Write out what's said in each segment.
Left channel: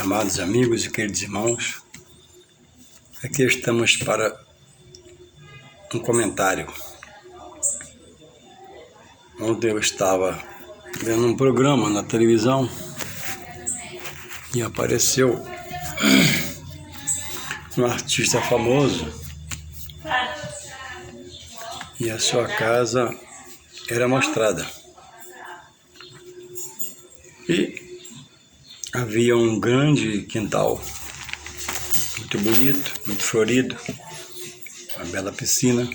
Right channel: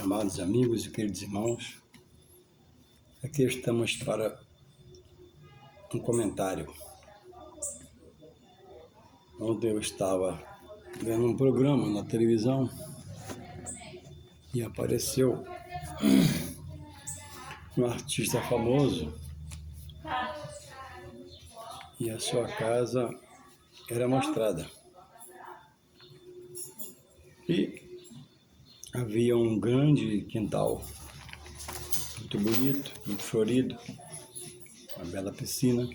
Amados amigos e queridos irmãos, aqui estamos para um comentário. Ontem eu estava vendo um programa na televisão e apareceu um artista famoso e a sua casa era mostrada. E havia um grande quintal, muito bonito, muito florido, uma bela piscina,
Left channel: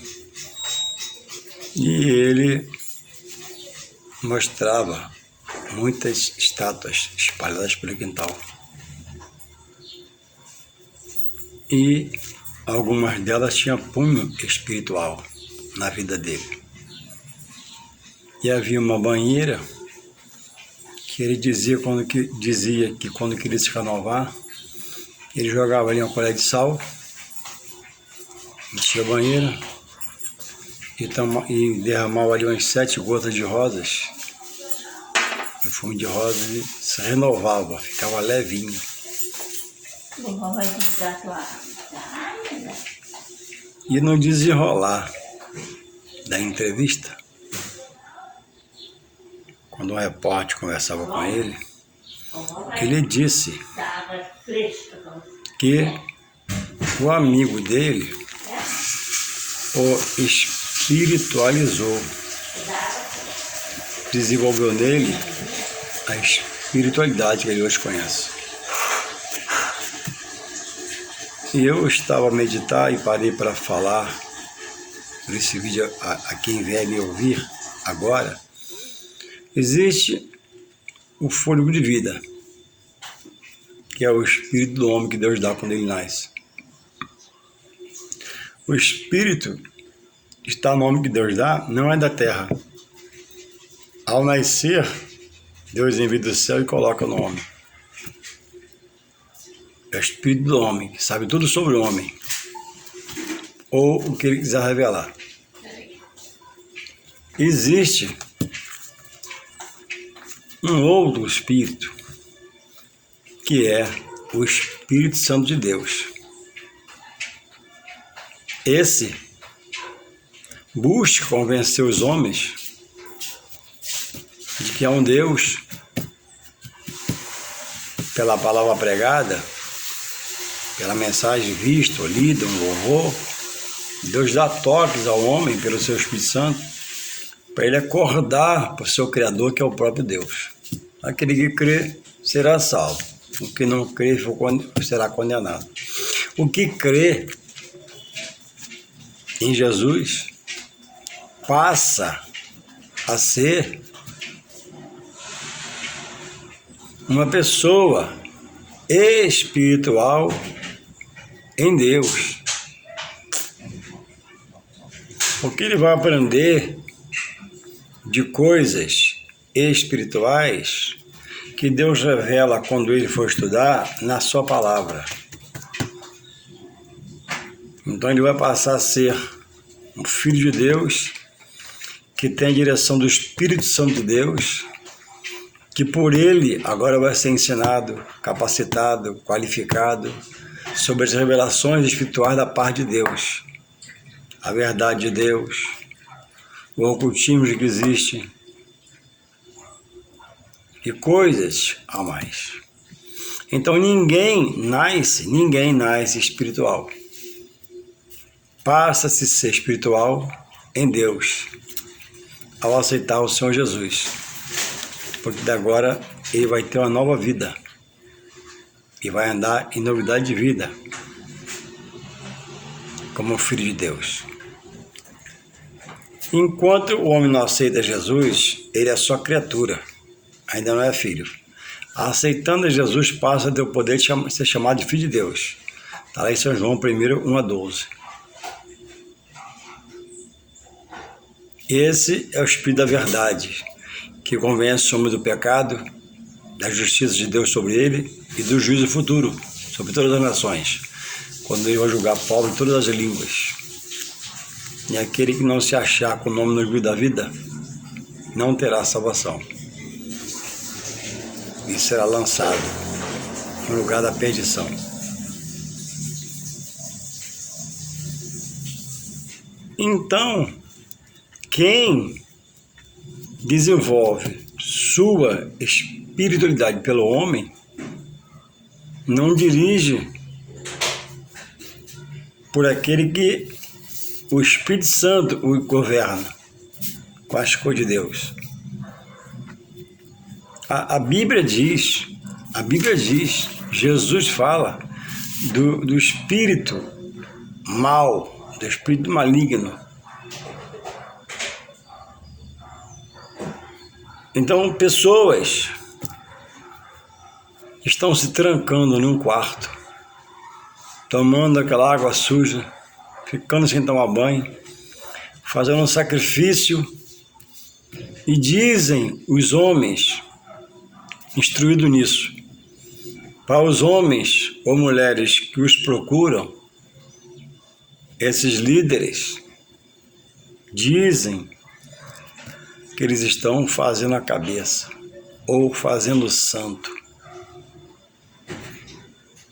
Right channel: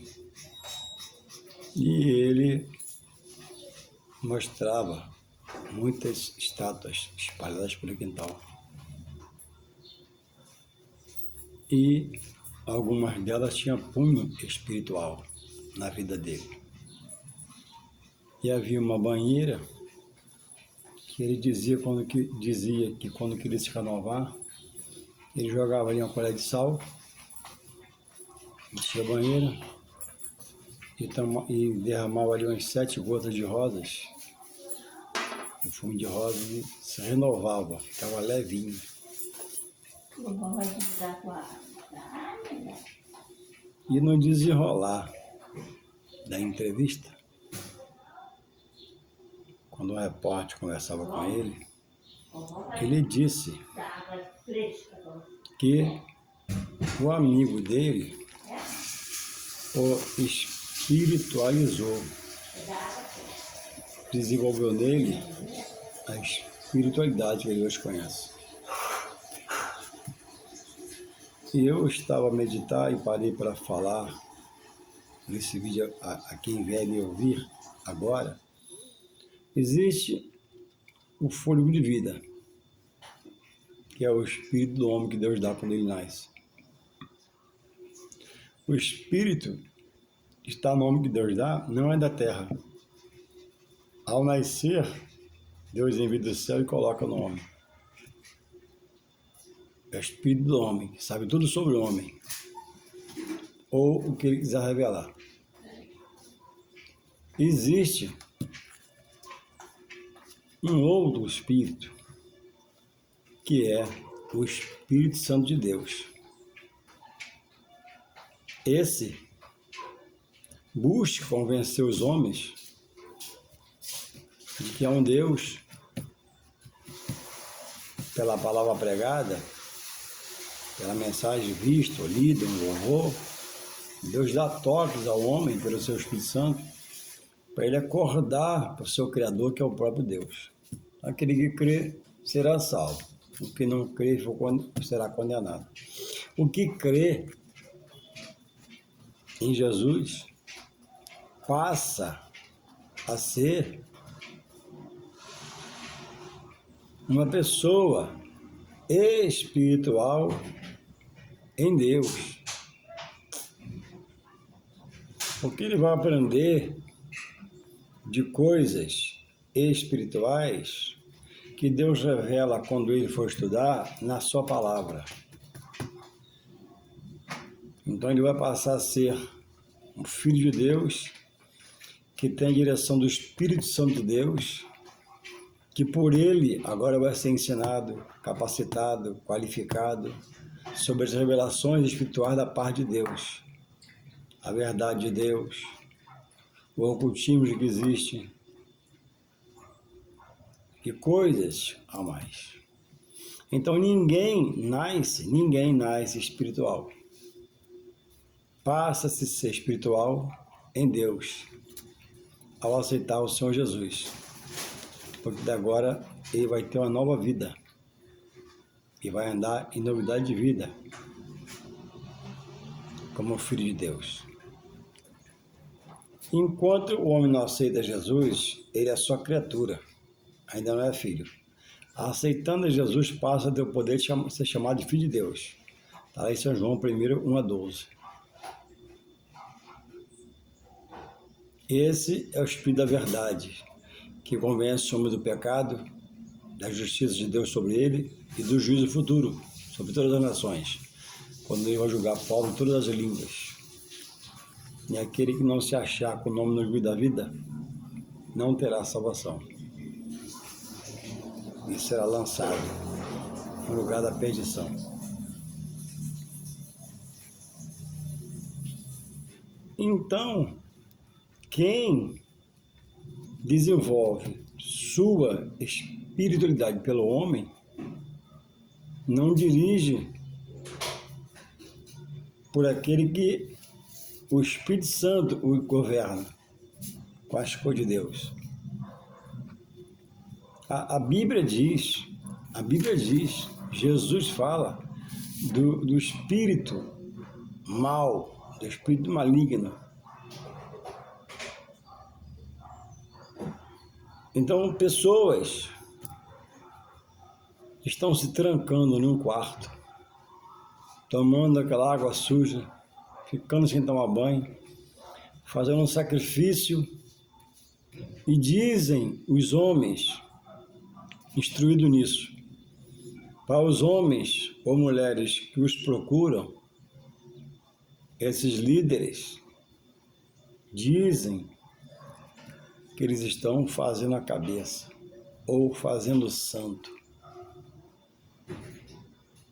e ele mostrava muitas estátuas espalhadas pelo quintal. E algumas delas tinham punho espiritual na vida dele. E havia uma banheira que ele dizia que quando queria se renovar, ele jogava ali uma colher de sal, enchia a banheira e derramava ali umas 7 gotas de rosas, perfume de rosas, e se renovava, ficava levinho. E no desenrolar da entrevista, quando um repórter conversava com ele, ele disse que o amigo dele o espiritualizou, desenvolveu nele a espiritualidade que ele hoje conhece. E eu estava a meditar e parei para falar por esse vídeo a quem vier me ouvir agora. Existe o fôlego de vida, que é o espírito do homem que Deus dá quando ele nasce. O espírito está no homem que Deus dá, não é da terra. Ao nascer, Deus envia do céu e coloca no homem. É o espírito do homem, que sabe tudo sobre o homem, ou o que ele quiser revelar. Existe um outro espírito, que é o Espírito Santo de Deus. Esse busca convencer os homens de que há um Deus, pela palavra pregada, pela mensagem vista ou lida, um louvor. Deus dá toques ao homem pelo seu Espírito Santo, para ele acordar para o seu Criador, que é o próprio Deus. Aquele que crê será salvo, o que não crê será condenado. O que crê em Jesus passa a ser uma pessoa espiritual em Deus, porque ele vai aprender de coisas espirituais que Deus revela quando ele for estudar na sua palavra. Então ele vai passar a ser um filho de Deus, que tem a direção do Espírito Santo de Deus, que por ele agora vai ser ensinado, capacitado, qualificado sobre as revelações espirituais da parte de Deus, a verdade de Deus, o ocultismo que existe e coisas a mais. Então ninguém nasce espiritual. Passa-se a ser espiritual em Deus ao aceitar o Senhor Jesus, porque de agora ele vai ter uma nova vida e vai andar em novidade de vida como filho de Deus. Enquanto o homem não aceita Jesus, ele é só criatura, ainda não é filho. Aceitando Jesus, passa a ter o poder de ser chamado de filho de Deus. Está lá em São João 1, 1-12. Esse é o Espírito da verdade, que convence o homem do pecado, da justiça de Deus sobre ele e do juízo futuro sobre todas as nações, quando ele vai julgar povo em todas as línguas. E aquele que não se achar com o nome no livro da vida não terá salvação e será lançado no lugar da perdição. Então, quem desenvolve sua espiritualidade pelo homem não dirige por aquele que o Espírito Santo o governa com as coisas de Deus. A Bíblia diz, Jesus fala do espírito mal, do espírito maligno. Então, pessoas estão se trancando num quarto, tomando aquela água suja, ficando sem tomar banho, fazendo um sacrifício, e dizem os homens, instruídos nisso, para os homens ou mulheres que os procuram, esses líderes dizem que eles estão fazendo a cabeça ou fazendo o santo.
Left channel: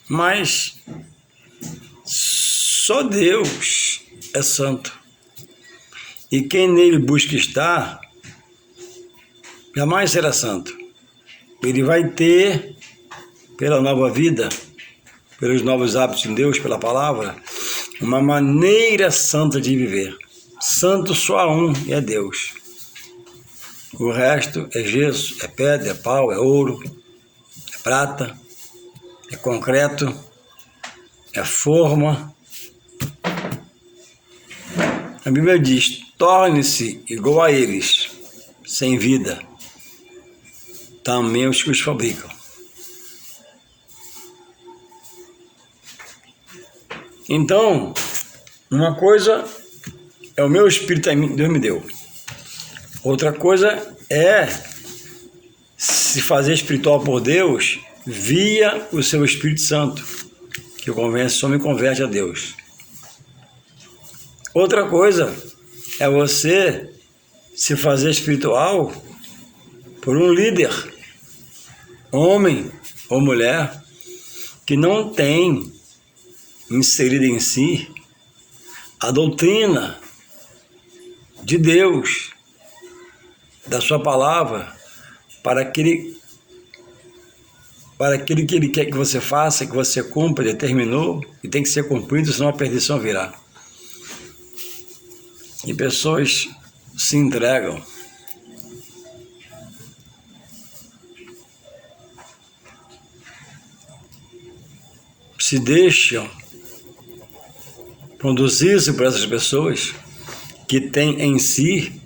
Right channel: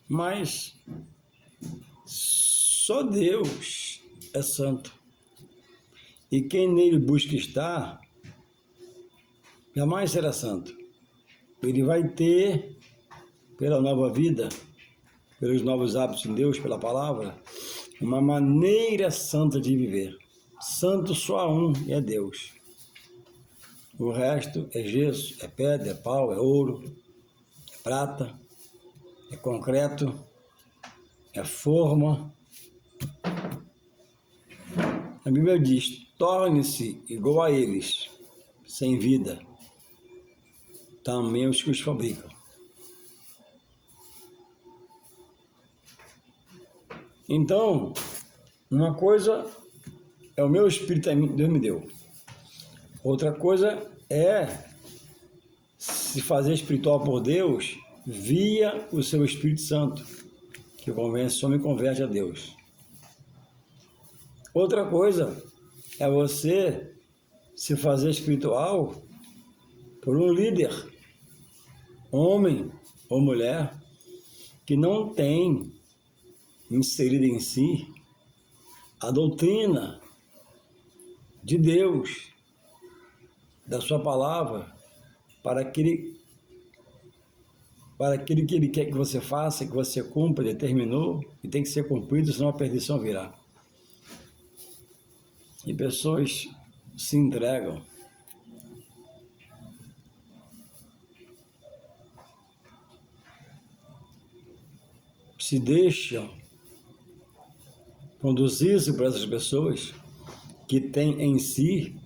Mas só Deus é santo. E quem nele busca estar, jamais será santo. Ele vai ter, pela nova vida, pelos novos hábitos em Deus, pela palavra, uma maneira santa de viver. Santo só há um, e é Deus. O resto é gesso, é pedra, é pau, é ouro, é prata, é concreto, é forma. A Bíblia diz: torne-se igual a eles, sem vida, também os que os fabricam. Então, uma coisa é o meu espírito que Deus me deu. Outra coisa é se fazer espiritual por Deus via o seu Espírito Santo, que só me converte a Deus. Outra coisa é você se fazer espiritual por um líder, homem ou mulher, que não tem inserido em si a doutrina de Deus, da sua palavra, para aquele que ele quer que você faça, que você cumpra, determinou, e tem que ser cumprido, senão a perdição virá. E pessoas se entregam. Se deixam conduzir-se por essas pessoas que têm em si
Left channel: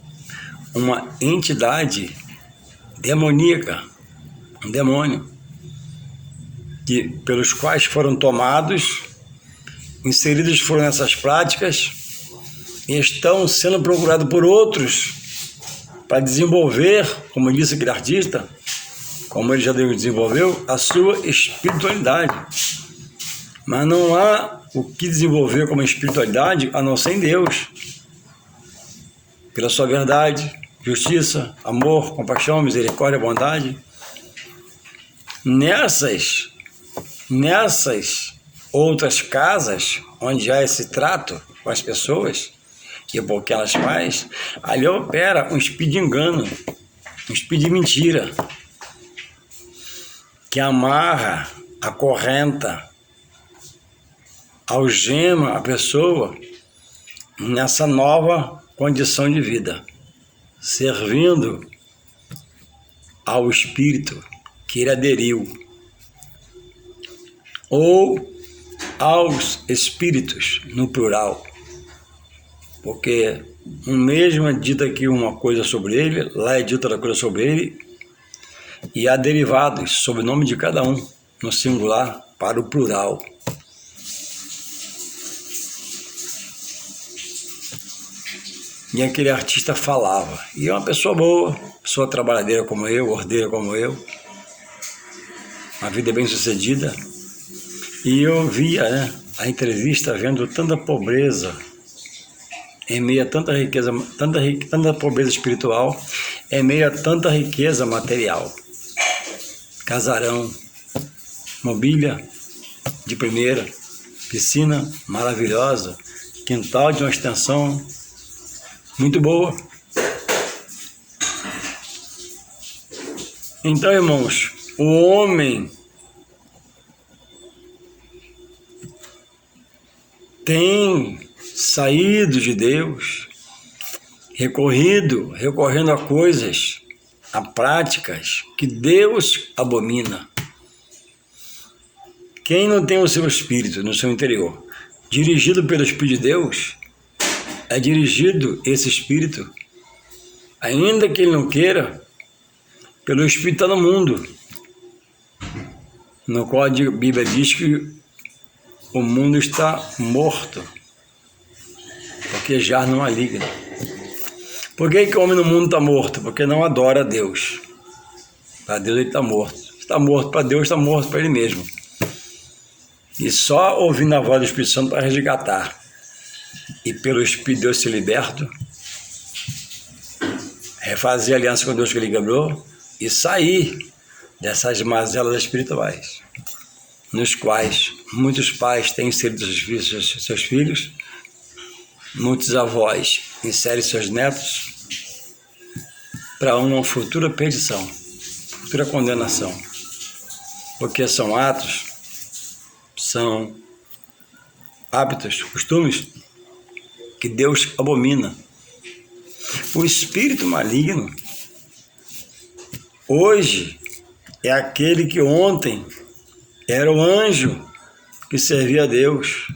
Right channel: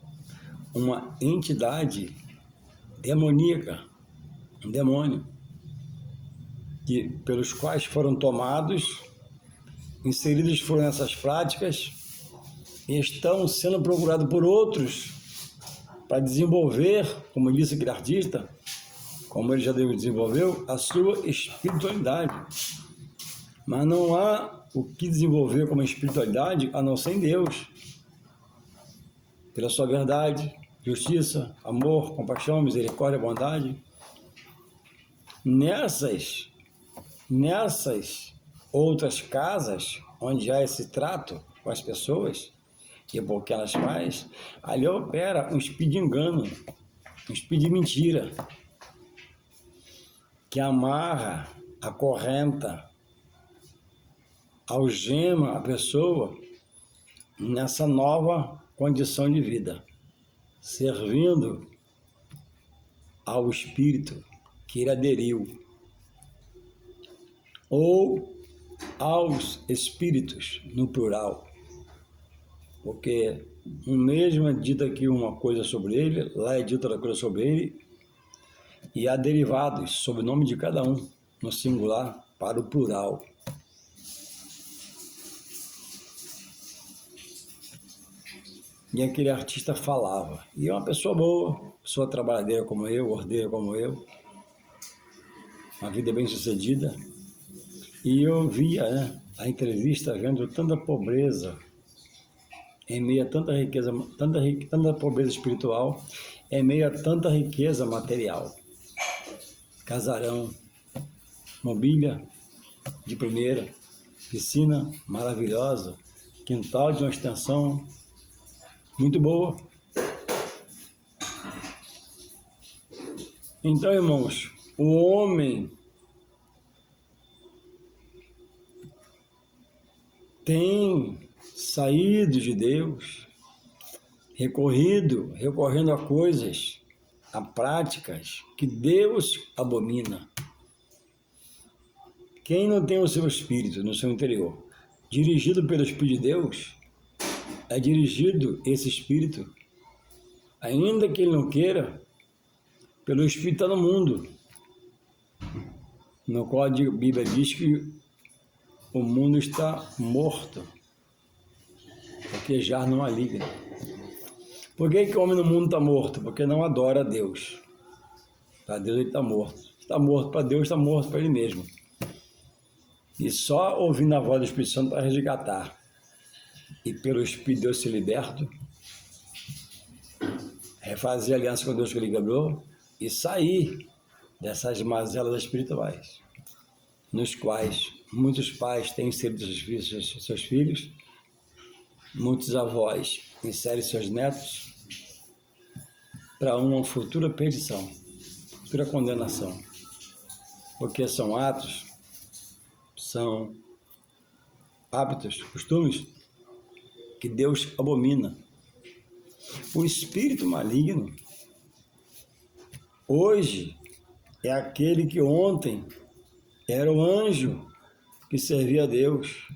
uma entidade demoníaca, um demônio, pelos quais foram tomados, inseridos foram nessas práticas e estão sendo procurados por outros para desenvolver, como disse aquele artista, como ele já desenvolveu, a sua espiritualidade. Mas não há o que desenvolver como espiritualidade a não ser em Deus, pela sua verdade, justiça, amor, compaixão, misericórdia, bondade. Nessas outras casas, onde há esse trato com as pessoas, e por que elas fazem, ali opera um espírito de engano, um espírito de mentira, que amarra, acorrenta, algema a pessoa nessa nova condição de vida, servindo ao espírito que ele aderiu, ou aos espíritos, no plural, porque um mesmo é dito aqui uma coisa sobre ele, lá é dita outra coisa sobre ele, e há derivados sob o nome de cada um, no singular para o plural. E aquele artista falava, e é uma pessoa boa, pessoa trabalhadeira como eu, ordeira como eu, uma vida bem sucedida, e eu via, a entrevista vendo tanta pobreza, em meio a tanta riqueza, tanta pobreza espiritual, em meio a tanta riqueza material, casarão, mobília de primeira, piscina maravilhosa, quintal de uma extensão muito boa. Então, irmãos, o homem tem saído de Deus, recorrendo a coisas, a práticas que Deus abomina. Quem não tem o seu espírito no seu interior, dirigido pelo Espírito de Deus, é dirigido esse espírito, ainda que ele não queira, pelo Espírito está no mundo, no qual a Bíblia diz que o mundo está morto, porque já não maligno. Por que o homem no mundo está morto? Porque não adora a Deus. Para Deus ele está morto. Está morto para Deus, está morto para ele mesmo. E só ouvindo a voz do Espírito Santo para resgatar. E pelo Espírito de Deus ser liberto, refazer a aliança com Deus que ele quebrou e sair dessas mazelas espirituais, nos quais muitos pais têm inserido seus filhos, muitos avós inserem seus netos para uma futura perdição, futura condenação, porque são atos, são hábitos, costumes que Deus abomina. O espírito maligno hoje é aquele que ontem era o anjo que servia a Deus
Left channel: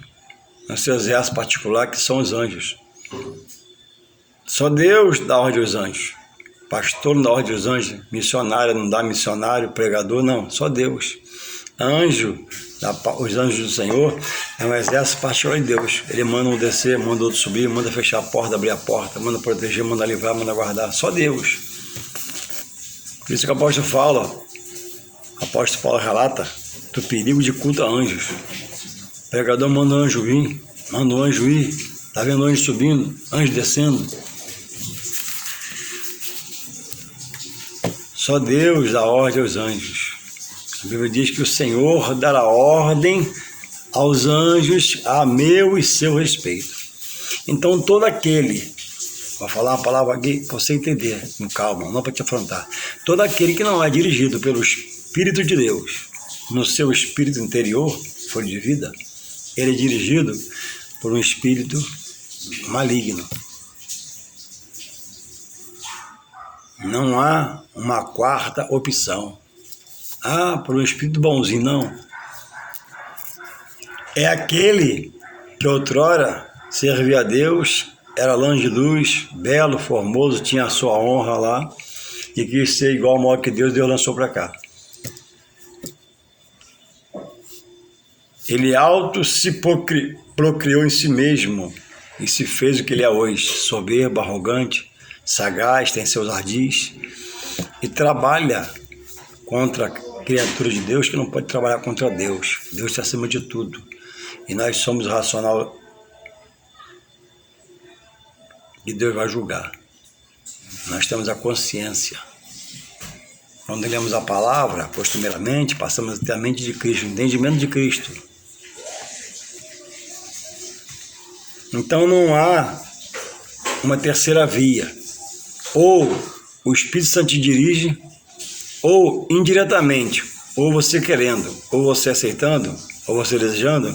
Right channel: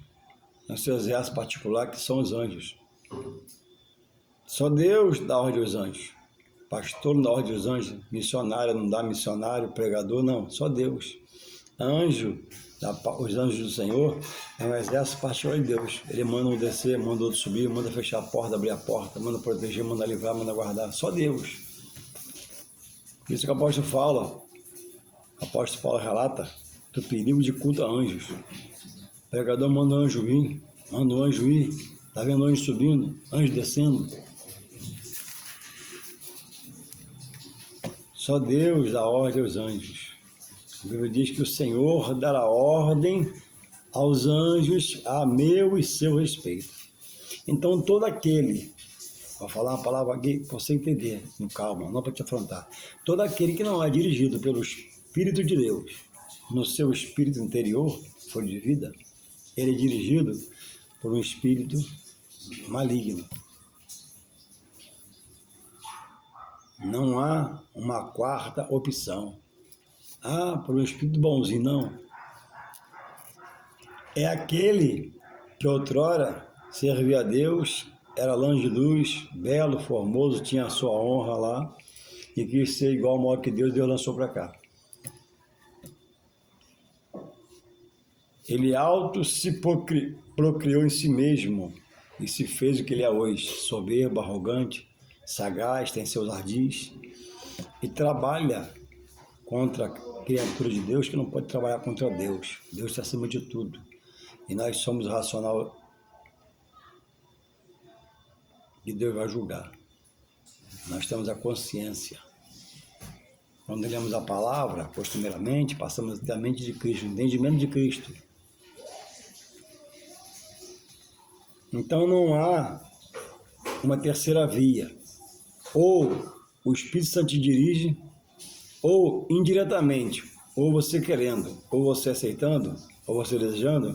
no seu exército particular, que são os anjos. Só Deus dá ordem aos anjos. Pastor não dá ordem aos anjos, missionário não dá missionário, pregador não, só Deus. Anjo, os anjos do Senhor é um exército particular de Deus. Ele manda um descer, manda outro subir, manda fechar a porta, abrir a porta, manda proteger, manda livrar, manda guardar, só Deus. Por isso que o apóstolo Paulo relata do perigo de culto a anjos. O pregador manda o anjo vir, manda o anjo ir, está vendo o anjo subindo, anjo descendo. Só Deus dá ordem aos anjos. A Bíblia diz que o Senhor dará ordem aos anjos a meu e seu respeito. Então todo aquele, vou falar uma palavra aqui para você entender, com calma, não para te afrontar. Todo aquele que não é dirigido pelo Espírito de Deus, no seu espírito interior, folha de vida, ele é dirigido por um espírito maligno. Não há uma quarta opção. Por um espírito bonzinho, não. É aquele que outrora servia a Deus, era anjo de luz, belo, formoso, tinha a sua honra lá, e quis ser igual ao maior que Deus lançou para cá. Ele se procriou em si mesmo e se fez o que ele é hoje, soberbo, arrogante, sagaz, tem seus ardis, e trabalha contra a criatura de Deus que não pode trabalhar contra Deus. Deus está acima de tudo. E nós somos racional e Deus vai julgar. Nós temos a consciência. Quando lemos a palavra, costumeiramente, passamos até a mente de Cristo, o entendimento de Cristo. Então não há uma terceira via. Ou o Espírito Santo te dirige, ou indiretamente, ou você querendo, ou você aceitando, ou você desejando,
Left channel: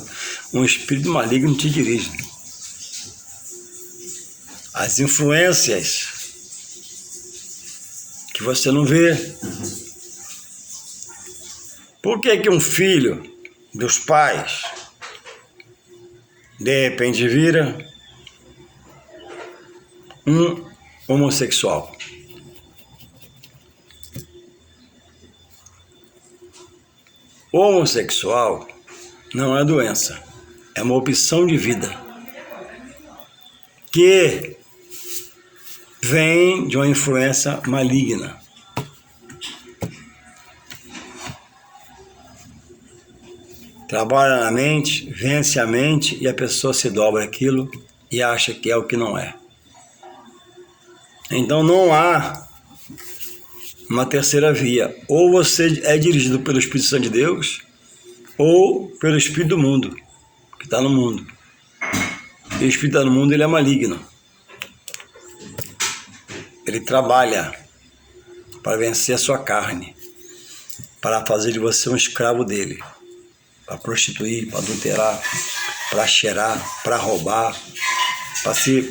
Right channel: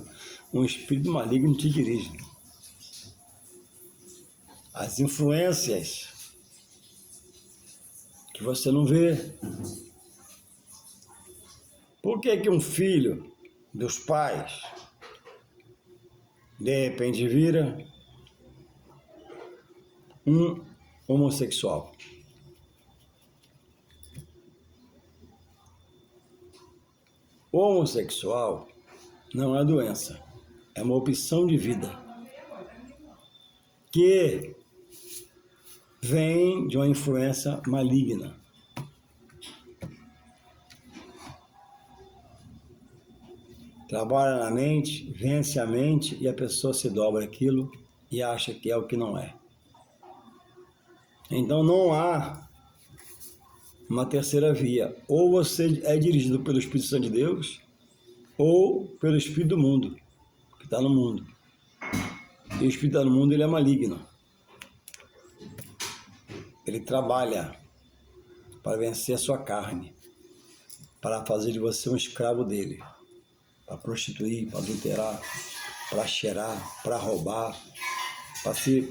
um espírito maligno te dirige. As influências que você não vê. Por que um filho dos pais de repente vira um homossexual? O homossexual não é doença, é uma opção de vida que vem de uma influência maligna. Trabalha na mente, vence a mente e a pessoa se dobra aquilo e acha que é o que não é. Então não há uma terceira via. Ou você é dirigido pelo Espírito Santo de Deus, ou pelo espírito do mundo, que está no mundo. E o espírito que está no mundo, ele é maligno. Ele trabalha para vencer a sua carne, para fazer de você um escravo dele, para prostituir, para adulterar, para cheirar, para roubar, para se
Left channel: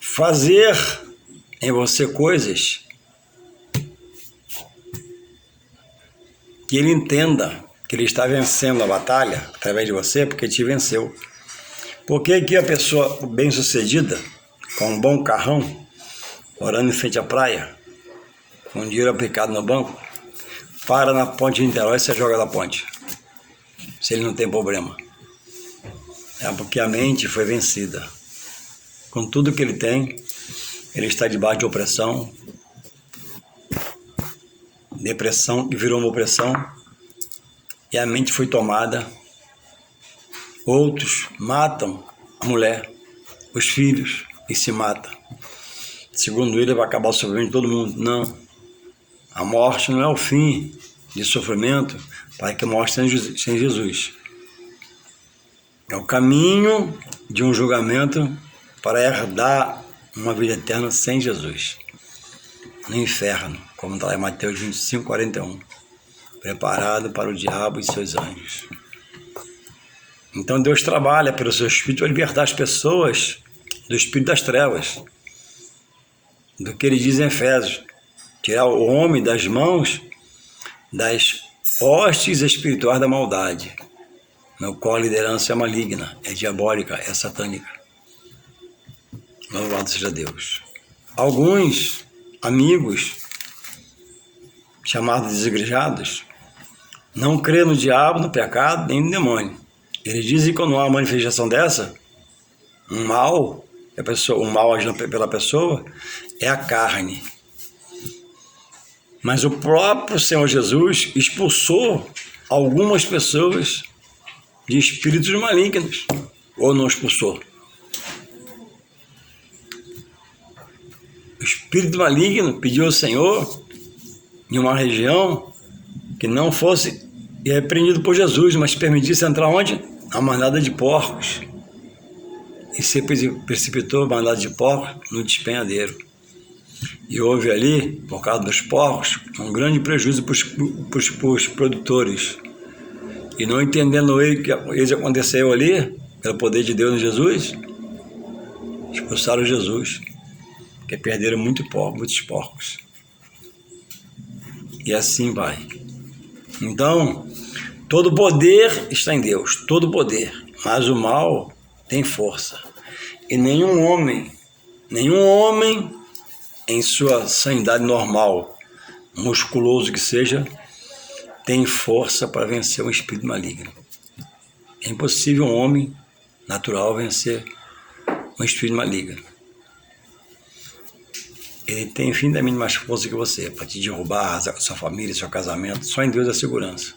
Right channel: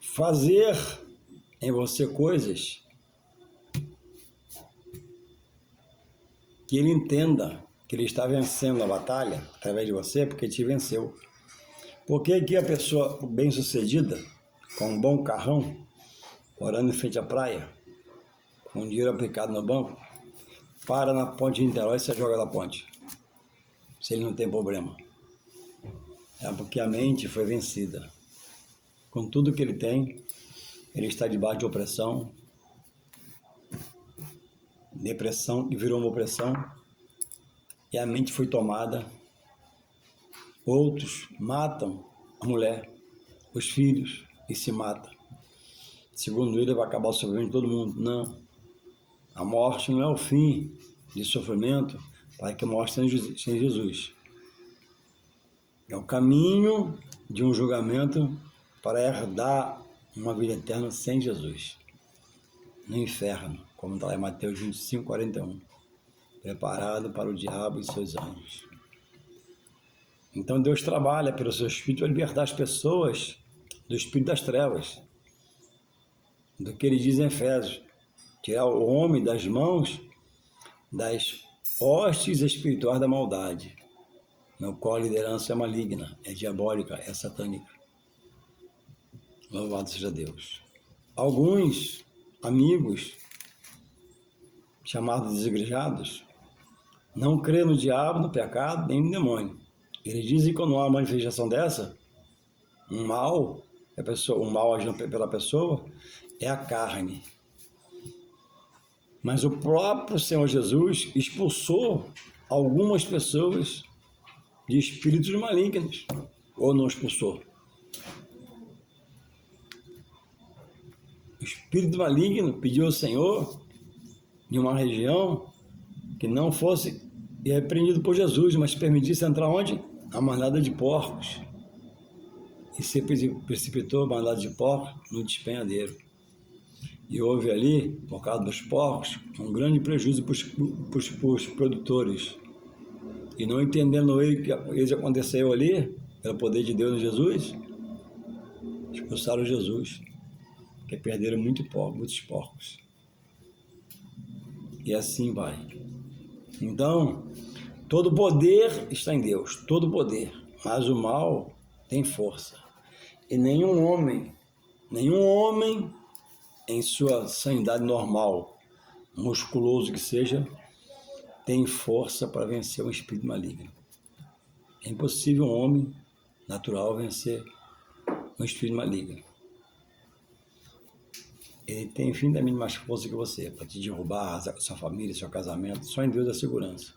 fazer em você coisas que ele entenda que ele está vencendo a batalha através de você, porque te venceu. Por que a pessoa bem-sucedida, com um bom carrão, morando em frente à praia, com dinheiro aplicado no banco, para na ponte de Niterói e você joga da ponte, se ele não tem problema? É porque a mente foi vencida. Com tudo que ele tem, ele está debaixo de opressão, depressão, que virou uma opressão, e a mente foi tomada. Outros matam a mulher, os filhos, e se matam. Segundo ele, vai acabar o sofrimento de todo mundo. Não. A morte não é o fim de sofrimento para que a morte sem Jesus. É o caminho de um julgamento para herdar uma vida eterna sem Jesus, no inferno, como está lá em Mateus 25, 41, preparado para o diabo e seus anjos. Então Deus trabalha pelo seu Espírito para libertar as pessoas do espírito das trevas, do que ele diz em Efésios, tirar o homem das mãos das hostes espirituais da maldade, no qual a liderança é maligna, é diabólica, é satânica. Louvado seja Deus. Alguns amigos, chamados desigrejados, não crê no diabo, no pecado, nem no demônio. Eles dizem que quando há uma manifestação dessa, um mal, o mal agindo pela pessoa, é a carne. Mas o próprio Senhor Jesus expulsou algumas pessoas de espíritos malignos, ou não expulsou? O espírito maligno pediu ao Senhor, em uma região, que não fosse repreendido por Jesus, mas permitisse entrar onde? A manada de porcos. E se precipitou a manada de porcos no despenhadeiro. E houve ali, por causa dos porcos, um grande prejuízo para os produtores. E não entendendo ele que isso aconteceu ali, pelo poder de Deus em Jesus, expulsaram Jesus, porque perderam muitos porcos. E assim vai. Então, todo poder está em Deus, todo poder, mas o mal tem força. E nenhum homem em sua sanidade normal, musculoso que seja, tem força para vencer um espírito maligno. É impossível um homem natural vencer um espírito maligno. Ele tem infinitamente mais força que você para te derrubar, arrasar com sua família, seu casamento. Só em Deus é segurança.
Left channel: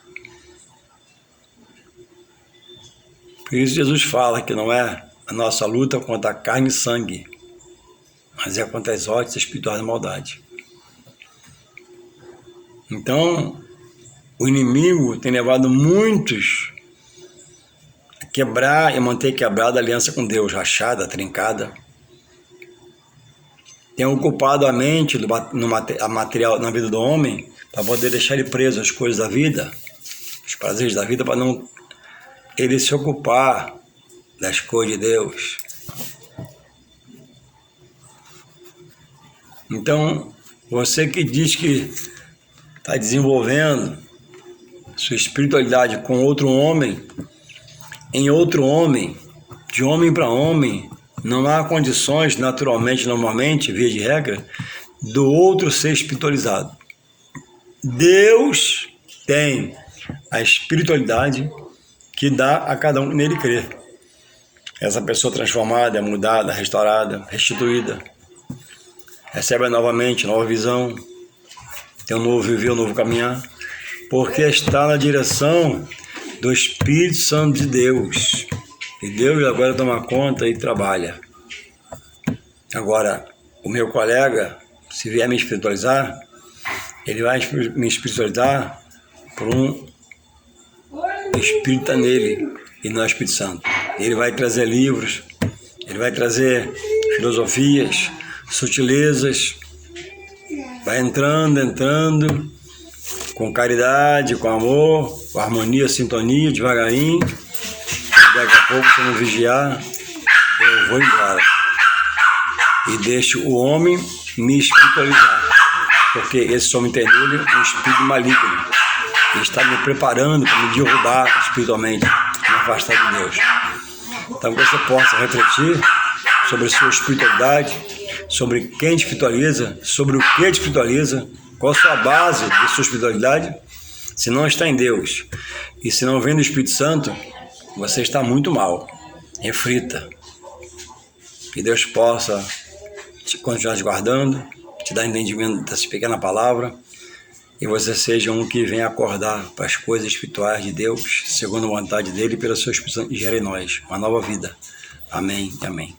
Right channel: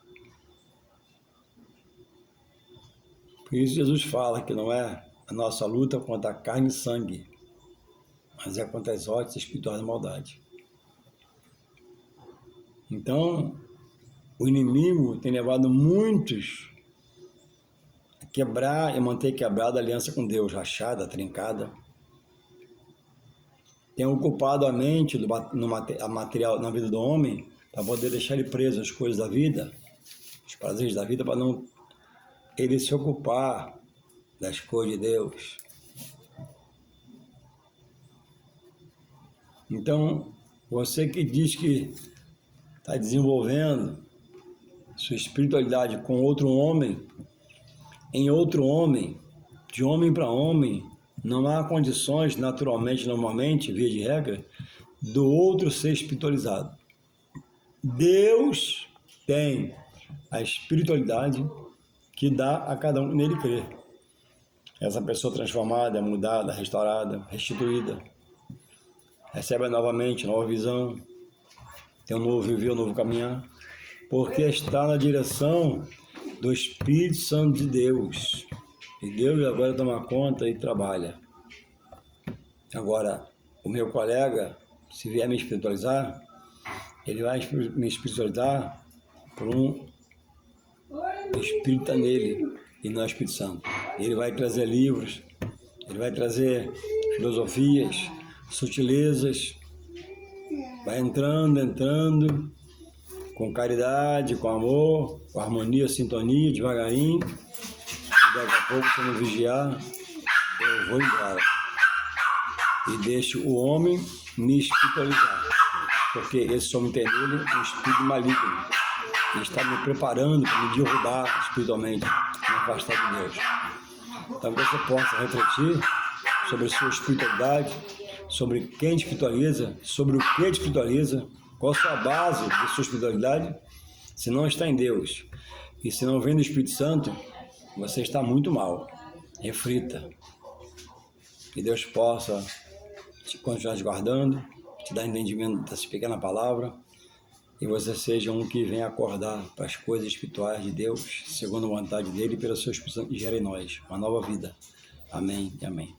Por isso Jesus fala que não é a nossa luta contra a carne e sangue, mas é contra as hostes espirituais da maldade. Então, o inimigo tem levado muitos a quebrar e manter quebrada a aliança com Deus, rachada, trincada. Tem ocupado a mente a material na vida do homem para poder deixar ele preso às coisas da vida, os prazeres da vida, para não ele se ocupar das coisas de Deus. Então, você que diz que está desenvolvendo sua espiritualidade com outro homem, em outro homem, de homem para homem, não há condições, naturalmente, normalmente, via de regra, do outro ser espiritualizado. Deus tem a espiritualidade que dá a cada um que nele crer. Essa pessoa transformada, mudada, restaurada, restituída, recebe novamente nova visão, tem um novo viver, um novo caminhar, porque está na direção do Espírito Santo de Deus. E Deus agora toma conta e trabalha. Agora, o meu colega, se vier me espiritualizar, Ele vai me espiritualizar por um Espírito nele e não é Espírito Santo. Ele vai trazer livros, ele vai trazer filosofias, sutilezas, vai entrando, com caridade, com amor, com harmonia, sintonia, devagarinho. E daqui a pouco, se eu não vigiar, eu vou embora. E deixo o homem me espiritualizar. Porque esse homem tem nele um espírito maligno. Ele está me preparando para me derrubar espiritualmente, me afastar de Deus. Então, que você possa refletir sobre a sua espiritualidade, sobre quem te espiritualiza, sobre o que te espiritualiza, qual a sua base de sua espiritualidade. Se não está em Deus e se não vem do Espírito Santo, você está muito mal. Reflita. Que Deus possa continuar te guardando, te dar entendimento dessa pequena palavra, e você seja um que venha acordar para as coisas espirituais de Deus, segundo a vontade dele, e pela sua Espírito Santo gere em nós uma nova vida. Amém e amém.